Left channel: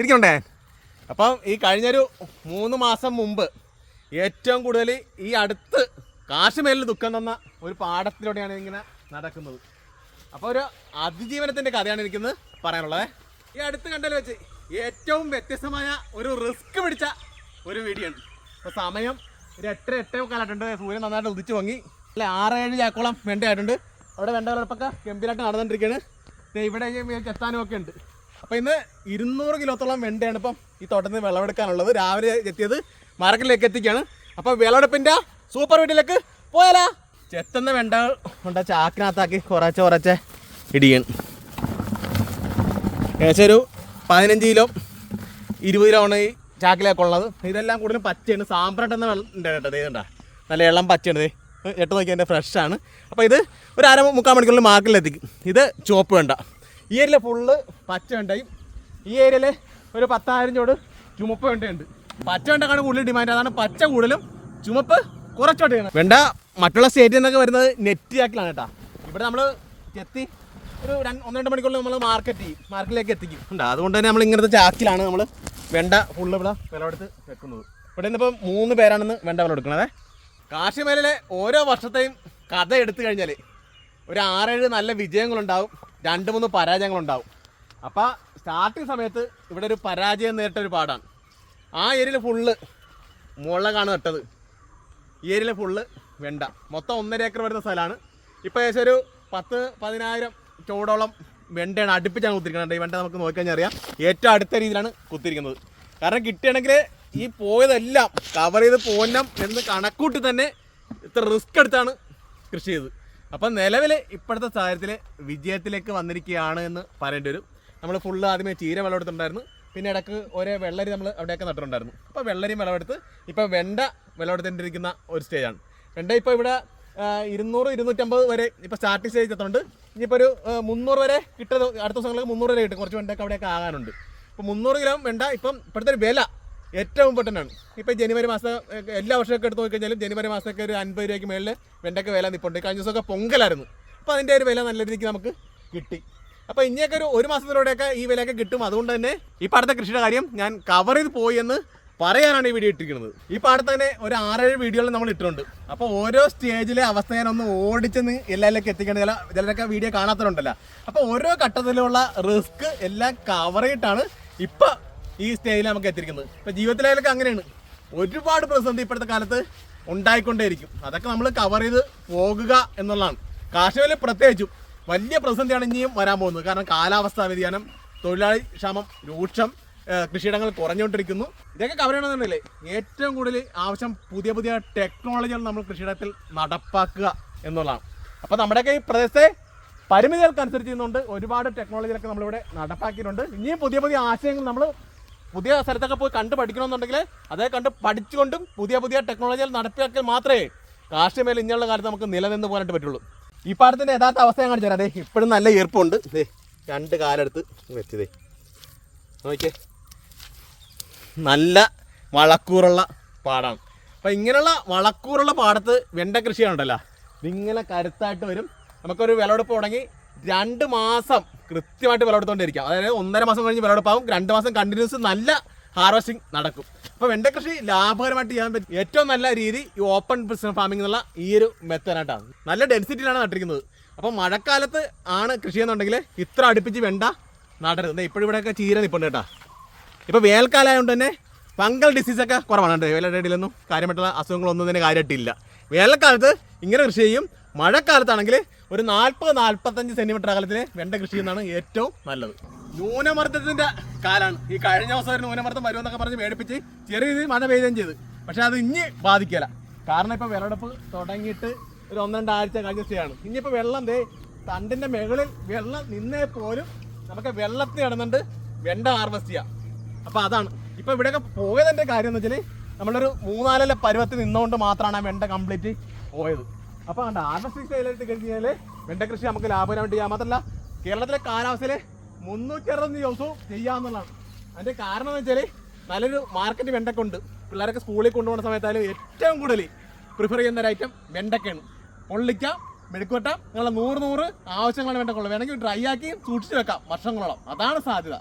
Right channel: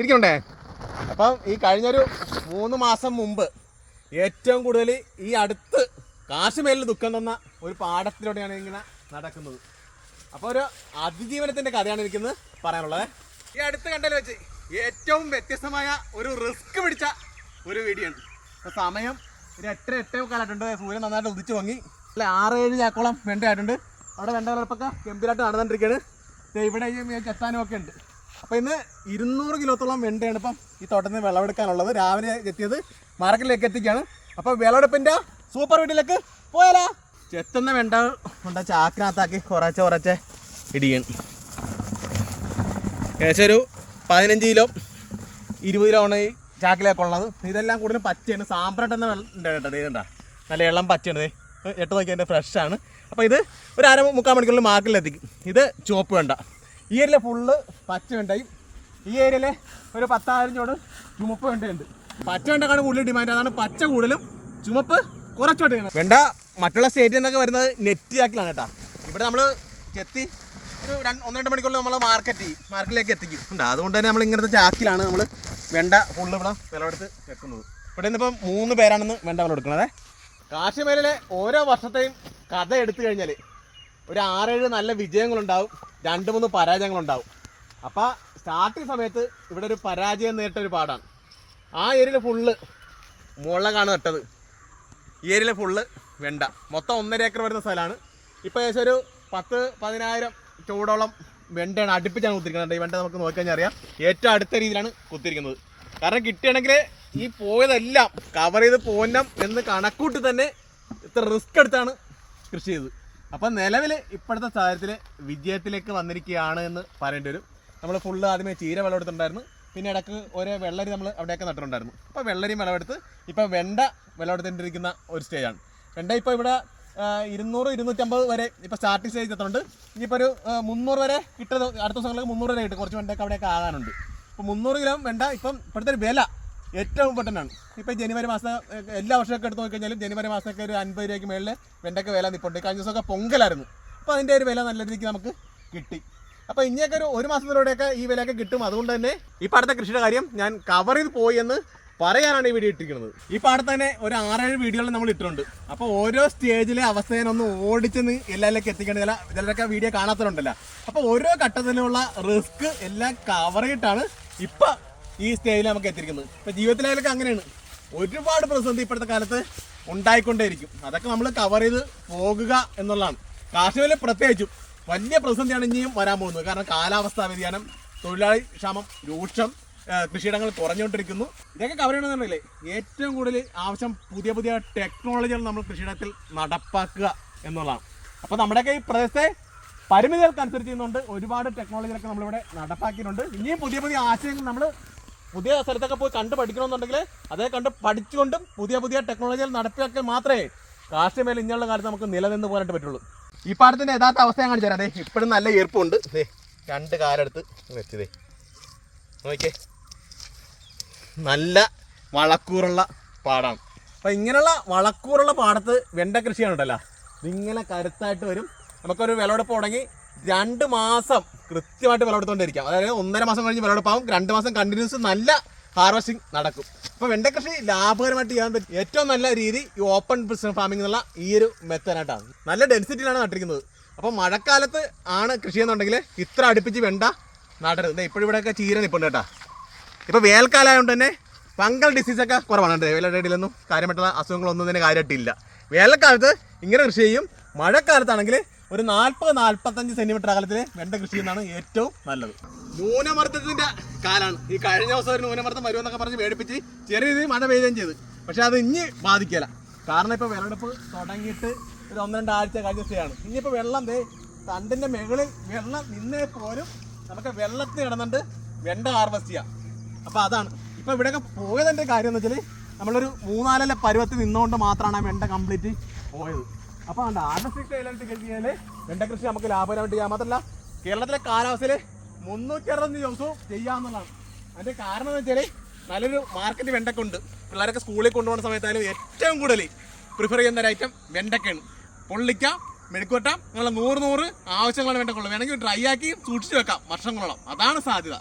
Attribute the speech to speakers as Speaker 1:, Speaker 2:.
Speaker 1: തിരിക്കണ്ടേ അപ്പം ഈ കഴിഞ്ഞൊരു മൂന്ന് മാസം മുമ്പ് ഏറ്റവും കൂടുതൽ ഈ അടുത്ത് കാശ്മീരിൽ ദുഃഖം തന്ന ഒരു പാടത്തിലൂടെയാണ് ഇങ്ങനെ നടക്കുന്നത്. അപ്പോൾ ഒരു അതിജീവനത്തിന്റെ കഥയാണ് എനിക്കിന്ന് പറയാനുള്ളത്. ഈ അടുത്ത് കണ്ടതിൽ വെച്ച് ഏറ്റവും വ്യത്യസ്തമായ ഒരു റിസ്ക് പിടിച്ച ഒരു വീഡിയോ ആണ്. അപ്പോൾ സമയം ഒരു എട്ടര എട്ടേ കാലായിട്ടുണ്ട് സൂര്യൻ നന്നായിട്ട് ഉദിച്ചു വാങ്ങി ആറ് ഏഴ് ചാക്കോളം വെണ്ടയായിട്ടുണ്ട്. അവിടെ വെണ്ട വളർപ്പൊക്കെ ഗംഭീരമായിട്ട് നടന്നുകൊണ്ടിരിക്കുകയാണ് ഇവിടെ ചെത്താനും ഒക്കെ ഉണ്ട്. അപ്പോൾ ഇന്ന് ഇരുന്നൂറ് കിലോത്തോളം വെണ്ടയാണ് ഇപ്പം ഈ തോട്ടത്തിൽ നിന്ന് വിളവെടുക്കാനുള്ളത്. രാവിലെ എത്തിയത് മാർക്കറ്റിലേക്ക് എത്തിക്കുകയാണ് അപ്പോൾ വിളവെടുപ്പിന്റെ സൂപ്പർ വീട്ടിലേക്ക് പോയാലാ? ചെത്തുന്ന വെണ്ട കൊണ്ട ചാക്കിനകത്താക്കി കുറച്ച് കുറച്ച് ഇടിയാണ് ഏകദേശം ഒരു പതിനഞ്ച് കിലോ ഇരുപത് കിലോ ആണ് ഈ ചാക്കിലേക്ക് ഉള്ളത്. ഇതെല്ലാം കൂടുതലും പച്ചയാണ്. സാമ്പ്രട്ടെന്ന ഉണ്ട് കേട്ടോ ഇത് കണ്ട. നല്ല ഇളം പച്ചയാണ്. എട്ട് നോക്കി എന്റെ ഫ്രഷാണ് അപ്പോൾ ഇത് ഒരു അര മുക്കാൽ മണിക്കൂറിൽ മാർക്കറ്റിലെത്തിക്കും. ഇത് ചുവപ്പ് വേണ്ട. ഈ ഏരിയയിൽ ഫുള്ള് പച്ച വെണ്ടയും ഈ ഏരിയയിൽ ഒരു പത്തായിരം ചോട് ചുമപ്പ് വെണ്ടയുണ്ട് പച്ച വെണ്ടക്കാണ് കൂടുതൽ ഡിമാൻഡ് അതാണ് പച്ച കൂടുതലും ചുമപ്പ് കുറച്ചോട്ട് വേണ്ട മറ്റുള്ള സ്റ്റേറ്റിൽ നിന്നൊക്കെ വരുന്നത് നെറ്റ് ചാക്കിലാണ് കേട്ടോ. ഇവിടെ നമ്മൾ ചെത്തി ഒരു രണ്ട് ഒന്ന് രണ്ട് മണിക്കൂറിൽ നമ്മൾ മാർക്കറ്റ് മാർക്കറ്റിലേക്ക് എത്തിക്കും. ഉണ്ട് അതുകൊണ്ട് തന്നെ നമ്മൾ ഇങ്ങനത്തെ ചാക്കിലാണ് നമ്മൾ വെണ്ട ഫുള്ള് ഇവിടെ വിളവെടുത്ത് വെക്കുന്നത്. ഇവിടെ നിന്നിപ്പോൾ മൂന്ന് പേരാണെന്ന് വെണ്ട വിളവെടുക്കണത്. കാശ്മീരിലെ ഓരോ വർഷത്തെയും കഥ എടുത്തു കഴിഞ്ഞാൽ ഒരു ആറേഴ് നല്ല വിജയങ്ങളുണ്ടാവും രണ്ട് മൂന്ന് പരാജയങ്ങളുണ്ടാവും. അപ്പോൾ സ്റ്റാർട്ടിങ് സമയത്ത് ഇവിടെ ഒരു പരാജയം നേരിട്ട ഒരു പാടാണ്. ആ ഏരിയയിൽ ഫുള്ള് മുളകാണ് നട്ടത്. ഈ ഏരിയയിൽ ഫുള്ള് വെണ്ട. മൊത്തം ഒന്നര ഏക്കർ വരുന്ന സ്ഥലമാണ്. ഇപ്പോൾ ഏകദേശം ഒരു പത്ത് പതിനായിരം ചൂടോളം വെണ്ടയാണ് അടുപ്പിച്ചാണ് കുത്തിരിക്കുന്നത് ഈ വെണ്ട നമുക്ക് നോക്കിക്കഴിഞ്ഞാൽ അറിയാം. ഏറ്റവും അടുത്ത രീതിയിലാണ് കുത്തിരിക്കുന്നത്. കാരണം കിട്ടുകയാണെങ്കിൽ ഈ പോയതെല്ലാം കവർ ചെയ്ത് പോന്നം എന്ന് കണക്കൂട്ടി തന്നെ ഇത്ര റിസ്ക് എടുത്താണ് കൃഷി ചെയ്തത്. അപ്പം നിലവിൽ ഇപ്പോഴത്തെ സാഹചര്യത്തിൽ വിജയത്തിലേക്ക് വന്നിരിക്കുകയാണ് എന്ന് പറയേണ്ടി വരും. നമ്മൾ ഫുള്ള് ആദ്യമേ ചീര വിളവെടുത്തിട്ടുണ്ടായിരുന്നു. പിന്നെ ഇടയ്ക്ക് ഒരേ വെള്ളരി നമ്മൾ അവിടെയൊക്കെ നട്ടിട്ടുണ്ടായിരുന്നു. അപ്പോൾ വെള്ളരിയും വിളവെടുത്ത് ഇപ്പോൾ വെണ്ട വിളവെടുത്തിട്ടിരിക്കുന്ന ഒരു സ്റ്റേജാണ് വെണ്ട ഇപ്പോൾ ഇവിടെ ഇരുന്നൂറ് ഇരുന്നൂറ്റമ്പത് വരെ ഇപ്പോൾ സ്റ്റാർട്ടിങ് സ്റ്റേജ് എത്തുന്നുണ്ട്. ഇനിയിപ്പോൾ ഒരു മുന്നൂറ് വരെ കിട്ടുന്നത് അടുത്ത ദിവസങ്ങളിൽ മുന്നൂറ് വരെ കിട്ടും. കുറച്ച് വെണ്ടയൊക്കെ അവിടെയൊക്കെ ആകാനുണ്ട്. ഇപ്പോൾ മുന്നൂറ് കിലോ വെണ്ട ഇപ്പം ഇപ്പോഴത്തെ ഒരു വില ഏറ്റവും ആണ് ഇപ്പോൾ ജനുവരി മാസം എല്ലാ വർഷമൊക്കെ എടുത്ത് നോക്കിക്കഴിഞ്ഞാലും ജനുവരി മാസമൊക്കെ ഒരു അൻപത് രൂപയ്ക്ക് മേളിൽ വെണ്ടയ്ക്ക് വില നിൽപ്പുണ്ട് കഴിഞ്ഞ ദിവസമൊക്കെ പൊങ്കലായിരുന്നു. അപ്പോൾ അതിന്റെ ഒരു വില നല്ല രീതിക്ക് നമുക്ക് കിട്ടി. അപ്പോൾ ഇനിയൊക്കെ ഒരു ഒരു മാസത്തിലൂടെയൊക്കെ ഈ വിലയൊക്കെ കിട്ടും. അതുകൊണ്ട് തന്നെ ഈ പാടത്തെ കൃഷിയുടെ കാര്യം ഞാൻ കവർ ചെയ്ത് പോയി എന്ന് പറയാനാണ് ഈ വീഡിയോ ഇട്ടിരിക്കുന്നത്. ഈ പാടത്ത് തന്നെ ഒരു ആറേഴ് വീഡിയോകൾ നമ്മൾ ഇട്ടിട്ടുണ്ട്. അപ്പോൾ ഓരോ സ്റ്റേജിലെ അവസ്ഥ ഒന്ന് ഓടിച്ചെന്ന് എല്ലാവരിലേക്ക് എത്തിക്കേണ്ട ചില ചിലരൊക്കെ വീഡിയോ കാണാത്തവരുണ്ടല്ലോ. അപ്പോൾ ഓരോ ഘട്ടത്തിലുള്ള റിസ്ക് എല്ലാം കവർ ചെയ്തിട്ടാണ് ഇപ്പോൾ ഈ സ്റ്റേജിൽ നമുക്ക് എത്തിയിരിക്കുന്നത്. ഇപ്പൊ ജീവിതത്തിലായാലൊക്കെ അങ്ങനെയാണ്. ഒരുപാട് പ്രതിസന്ധി ഇപ്പോഴത്തെ കാലത്ത് ഉണ്ടായിക്കൊണ്ടേയിരിക്കും. അതൊക്കെ നമ്മൾ കവർ ചെയ്ത് പോകുക എന്നുള്ളതാണ്. കാർഷികയിൽ പ്രത്യേകിച്ചും വലിയ പ്രതിസന്ധിയാണ് ഇനിയും വരാൻ പോകുന്നത്. കാരണം കാലാവസ്ഥാ വ്യതിയാനം തൊഴിലാളി ക്ഷാമം രൂക്ഷം കൃഷിയിടങ്ങൾ കുറഞ്ഞുകൊണ്ടിരിക്കുന്നു. ഇതൊക്കെ കവർ ചെയ്യണമെന്നുണ്ടെങ്കിലേ ഏറ്റവും കൂടുതൽ ആവശ്യം പുതിയ പുതിയ ടെക്നോളജികൾ നമ്മൾ കൃഷിയിടത്തിൽ നടപ്പാക്കുക എന്നുള്ളതാണ്. അപ്പോൾ നമ്മുടെയൊക്കെ ഈ പ്രദേശത്തെ പരിമിതികൾക്കനുസരിച്ച് ചെയ്യുന്നുണ്ട് ഒരുപാട് ടെക്നോളജികളൊക്കെ നമ്മളിവിടെ നടപ്പാക്കിയിട്ടുണ്ട്. ഇനിയും പുതിയ പുതിയ ആശയങ്ങൾ നമ്മൾ പുതിയ സ്ഥലത്തൊക്കെ പോയി കണ്ട് പഠിക്കണമെന്നുണ്ടെങ്കിൽ അതേ കണ്ട് പഠിച്ചുകൊണ്ടും പുതിയ പുതിയ ടെക്നോളജികൾ നടപ്പിലാക്കിയാൽ മാത്രമേ കാർഷിക മേഖല ഇനിയുള്ള കാലത്ത് നമുക്ക് നിലനിന്ന് പോകാനായിട്ട് പറ്റുള്ളൂ. ഈ പാടത്തിന്റെ യഥാർത്ഥ അവസ്ഥ ഞാൻ കാണിച്ചു തരാം ഇപ്പോഴും നല്ല ഈർപ്പുണ്ട്. രണ്ട് കാലെടുത്ത് വെച്ചതേ നോക്കേ നല്ല വളക്കൂറുള്ള പാടാണ്. അപ്പോൾ ഇങ്ങനെയുള്ള വളക്കൂറുള്ള പാടത്ത് വെണ്ട കൃഷിയാണുണ്ടല്ലോ. ഇതിങ്ങനെ കരുത്തായിട്ട് വരും. നമുക്കൊരു വിളവെടുപ്പ് തുടങ്ങി രണ്ട് മാസം കൃത്യമായിട്ട് വിളവെടുത്തുകൊണ്ടിരിക്കാം അതായത് ഒന്നര മാസം കഴിഞ്ഞ് വിളവെടുപ്പാവും. രണ്ട് മാസം കണ്ടിന്യൂസ് നല്ല ഹാർവസ്റ്റിംഗ് നടക്കും. അപ്പോൾ വെണ്ട കൃഷി ലാഭകരമായിട്ട് ചെയ്യാൻ പറ്റും. ഏറ്റവും നല്ല രീതി ഈ ഓപ്പൺ ഫാമിംഗ് എന്നുള്ള ഈ ഒരു മെത്തേഡായിട്ടാണ് നല്ല ഡെൻസിറ്റിയിലാണ് നട്ടിരിക്കുന്നത്. അപ്പോൾ മഴക്കാലത്ത് ആണ് കൃഷി ചെയ്യുന്നുണ്ടെങ്കിൽ ഇത്ര അടുപ്പിച്ച് വെണ്ട നടരുത്. ഇപ്പോഴും ഇവിടെയൊക്കെ ചീര നിൽപ്പുണ്ട് കേട്ടോ. ഇപ്പോൾ വേനൽക്കാലമായതുകൊണ്ട് തന്നെ ഫംഗൽ ഡിസീസൊക്കെ കുറവാണ്. കേട്ടോ വേലടയിലൊന്നും കാര്യമായിട്ടുള്ള അസുഖങ്ങളൊന്നും തന്നെ കാര്യമായിട്ടില്ല. വേനൽക്കാലത്ത് ഇങ്ങനെ കൃഷി ചെയ്യും. മഴക്കാലത്താണെങ്കിൽ ഒരു നാൽപ്പത് നാൽപ്പത്തഞ്ച് സെന്റിമീറ്റർ അകലത്തിൽ വെണ്ട കൃഷി ചെയ്യുന്നതാണ് ഏറ്റവും നല്ലത്. ന്യൂനമർദ്ദത്തിന്റെ കാലാണ്. ഈ കഴിഞ്ഞ ദിവസം ഒരു ന്യൂനമർദ്ദം വരുമെന്നൊക്കെ പറഞ്ഞ് മേടിപ്പിച്ച് ചെറിയ രീതിയിൽ മഴ പെയ്യുകയും ചെയ്ത്. പക്ഷെ അത് ഇനി ബാധിക്കില്ല കാരണം ഇപ്പോൾ വിളവെടുപ്പ് തുടങ്ങിയിട്ട് ഒരു ഒന്ന് രണ്ടാഴ്ച കഴിഞ്ഞാണ് ഇനിയിപ്പോൾ വെള്ളം ദേ തണ്ടിന്റെ മുകളിൽ വെള്ളം നിന്നേ പോലും നമുക്ക് വെള്ളത്തിൽ ഇടുന്നുണ്ട് വെണ്ട ഹാർവസ്റ്റ് ചെയ്യാം. അപ്പോൾ അതാണ്. ഇപ്പോൾ ഇവിടെയൊക്കെ പോയതിന്റെ കാര്യം എന്ന് വെച്ചാൽ നമ്മളൊരു മൂന്നാലല്ല പരുവത്തിൽ നിന്നുകൊണ്ട് മാത്രമാണ് ആ വെണ്ട കംപ്ലീറ്റ് പോയത്. അപ്പോൾ ഹാർവസ്റ്റ് സ്റ്റൈലായിട്ട് കഴിഞ്ഞാൽ വെണ്ട കൃഷി നമുക്ക് ലാഭകരമായിട്ട് ചെയ്യാം. മാത്രമല്ല കേരളത്തിലെ കാലാവസ്ഥയിൽ മുന്നൂറ്റി അറുപത് ദിവസവും ചെയ്യാമെന്നുള്ളതാണ് അതിന്റെ കാരണം എന്ന് വെച്ചാൽ നല്ലൊരു മാർക്കറ്റ് വെണ്ടക്ക ഉണ്ട്. പിള്ളേരൊക്കെ സ്കൂളിൽ കൊണ്ടുപോകുന്ന സമയത്തായാലും ഏറ്റവും കൂടുതൽ പ്രിഫർ ചെയ്യുന്ന ഒരു ഐറ്റം വെണ്ടക്കയാണ് പൊള്ളിക്ക മെഴുക്കുവട്ട നിങ്ങളുടെ നൂറ് നൂറ് ആവശ്യങ്ങളാണ് വെണ്ടക്കുള്ളത് വേണമെങ്കിൽ ഡ്രൈ ആക്കി സൂക്ഷിച്ച് വെക്കാം വർഷങ്ങളോളം. അതാണ് സാധ്യത.